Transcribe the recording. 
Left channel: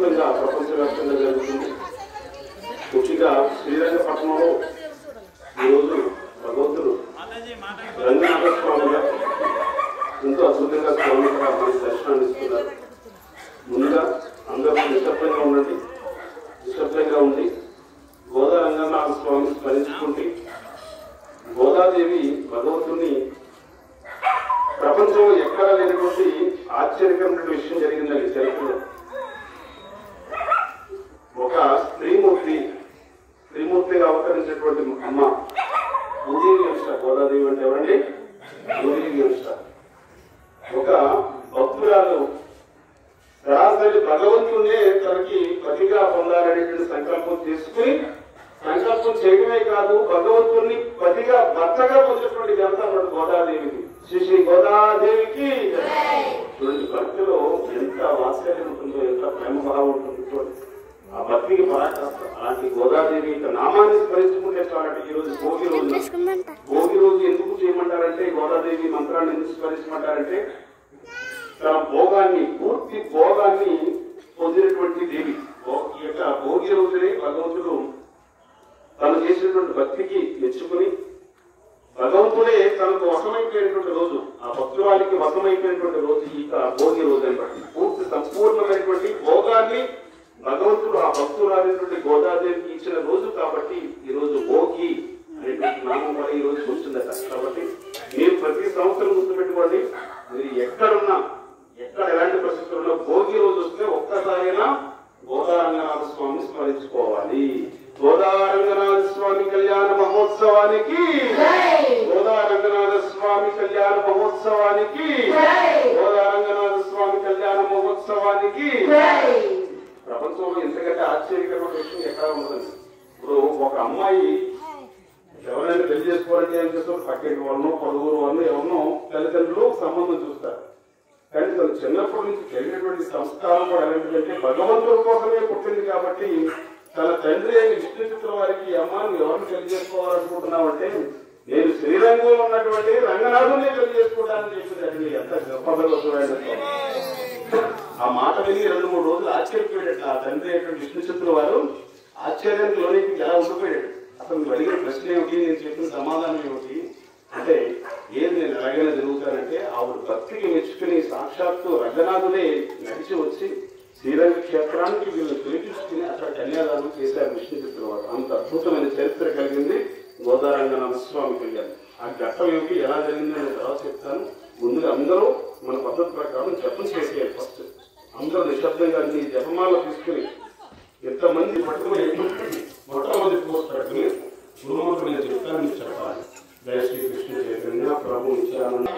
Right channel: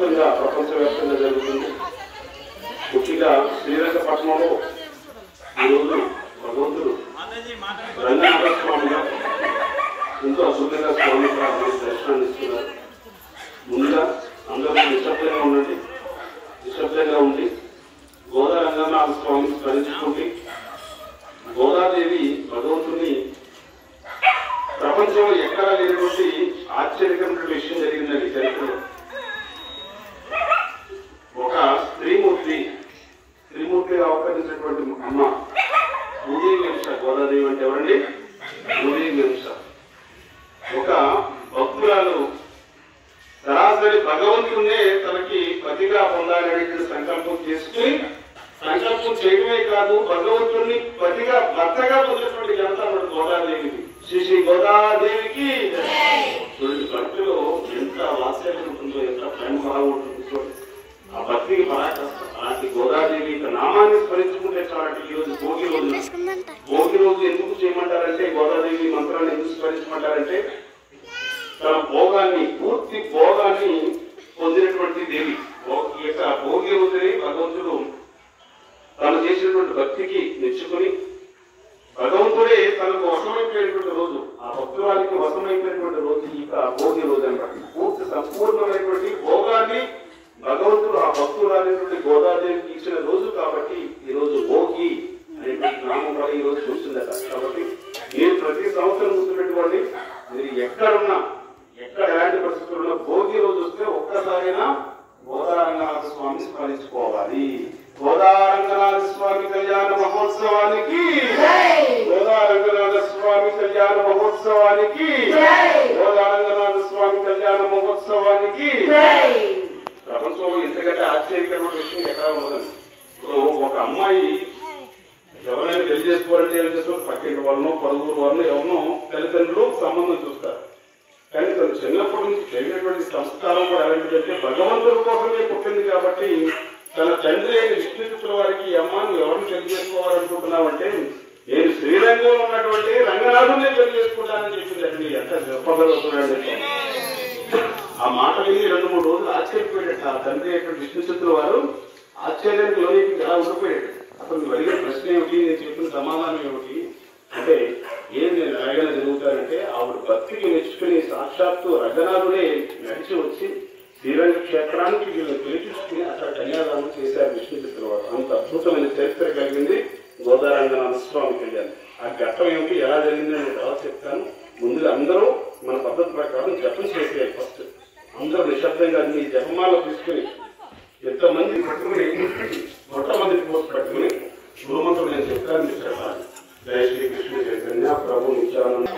అద్భుతంగా ప్రపంచవ్యాప్తంగా జరుగుతుంది. ముఖ్యంగా శ్రీరంగపట్నంలో ఈరోజు భగవంతుడు రంగనాథ స్వామిగా ఎంతో అద్భుతంగా స్వామి దర్శనాన్ని ఇస్తున్నారు. ముందుగా అందరూ నిశ్శబ్దంగా ఉండండి. నిశ్శబ్దంగా ఉండి గోదా రంగనాథ స్వామిని స్మరించుకుంటే గోదాదేవి భగవంతుని ప్రపంచంలో ఎక్కడా లేనటువంటి ఆశ్చర్యకరమైన విషయం జరిగిందండి చరిత్రలో. ఒక స్త్రీమూర్తిగా అవతరించినటువంటి అమ్మ భూదేవి వంశ. గోదాదేవి అంటే ఎవరండి? భూదేవి వంశ. ఒక భక్తురాలు సరాసరి భగవంతునే తనకి పతిగా పొందాలనేటువంటి సంకల్పం చేసుకుని, సంకల్పం చేయడమే కాదు భగవంతుడిని పతిగా భర్తగా పొందినటువంటి ఘనత గోదాదేవికి. శ్రీ గోదాదేవికి చూడండి, భక్తిలో ఎంత వాత్సల్యం ఉంటుందో, ఎంత ప్రేమ భావం ఉంటుందో చూడండి. ఆ భక్తికి పరాకాష్ట. అలాంటి గోదాదేవి నామాన్ని స్మరించుకుంటే చాలంటే ఈరోజు భోగి రోజు ఎందుకు చేయమంటారంటే, గోదాదేవి మంత్రాన్ని ఎందుకు స్మరించమంటారంటే తన భోగాన్ని, పూర్తి భోగాన్ని పొందినటువంటి దేవి. ఈ యొక్క భోగి రోజుని భగవంతుడు తను చేసినటువంటి భక్తికి మెచ్చుకుని భగవంతుడే తనకు వశమైపోయినటువంటి రోజు, ఆ భక్తురానికి వశమైపోయినటువంటి రోజు ఈ భోగి రోజు అనమాట. పూర్తి సంపూర్ణమైనటువంటి భోగాన్ని భగవంతుడు ఆ భక్తురాలినటువంటి గోదాదేవికి ఇచ్చిన రోజు కాబట్టి ఈ రోజు భోగి అనేటువంటి నామం కూడా ఈ రోజు వచ్చిందట. కాబట్టి మీరు ప్రతి సంవత్సరం గుర్తుపెట్టుకోండి, మీరు ఎక్కడున్నా, ఎక్కడ ఎలాంటి పరిస్థితుల్లో భోగి రోజు వస్తే ఒక్కసారైనా గోదారంగనాథ స్వామిని స్మరించుకోవాలి. గోదారంగనాథ స్వామి కళ్యాణ మహోత్సవానికి, గోదారంగనాథ స్వామి కళ్యాణ మహోత్సవానికి, గోదారంగనాథ స్వామి కళ్యాణ మహోత్సవానికి. ప్రపంచంలో ఇంతకంటే ఆశ్చర్యకరమైన విషయం ఎక్కడ ఉండదండి. ఇప్పుడు ఒక అమ్మాయి ఎవరైనా పెళ్లి చేసుకోవాలంటే ఏం చేస్తారు? పక్కింటి వాళ్ళనో, పలువురు వాళ్ళనో, ఎవరినో తల్లిదండ్రులు సంబంధం చూస్తారు. కానీ తను చిన్నప్పటి నుంచి పెరిగినటువంటి సంస్కారం కూడా ఎలాంటిదంటే భగవంతుడి కోసమే పుట్టింది కాబట్టి తన తండ్రి అయిన విష్ణుచిత్తుల వారికి ఈ అమ్మాను ఎవరిని పెళ్లి చేసుకోవాలనుకుంటున్నామంటే నేను శ్రీరంగంలో ఉన్నటువంటి రంగనాథునే పెళ్లి చేసుకుంటానని చెప్పిందండి. ఎంత గొప్పగా ఆ మాట విని 2-3 రోజులు ఆశ్చర్యపోయాడు ఆ తండ్రి అయినటువంటి విష్ణుచిత్తుల వారు. ఆశ్చర్యానికి లోనికి ఎలా ఉండిపోయాడు. అసలు నువ్వు అడిగిన ప్రశ్న ఏమిటి, నేను చెప్పిన సమాధానం ఏమిటి అంటే, ఏం నేను ఎలాగైనా జరుగుతానంటే ఆవిడ భక్తికి మెచ్చుకుని సాక్షాత్తు రంగనాథుడే నడిచి వచ్చి శ్రీరంగ క్షేత్రానికి వీళ్ళని పిలిపించుకుని అక్కడ కన్యాదానం చేశారు విష్ణుచిత్తుల వారు. అంత అద్భుతమైన చరిత్ర కలిగింది గోదారంగనాథ స్వామి కళ్యాణం. ఆ ఘట్టం ఏమిటి, ఎలా జరిగింది నేను తర్వాత చెప్తాను. ముందుగా అందరూ మన పద్ధతి ప్రకారం జపం చేసేయాలి. ఫస్ట్ అందరూ నిశ్శబ్దంగా మీ జపమాల తీసుకుని ఎంతమంది పట్టుకుని మొట్టమొదటి పోస్ట్ పట్టుకుని గురుమంతుడు నేను చెప్తాను, మీరు చెప్పాలి. జై శ్రీ కృష్ణ చైతన్య ప్రభు నిత్యానంద.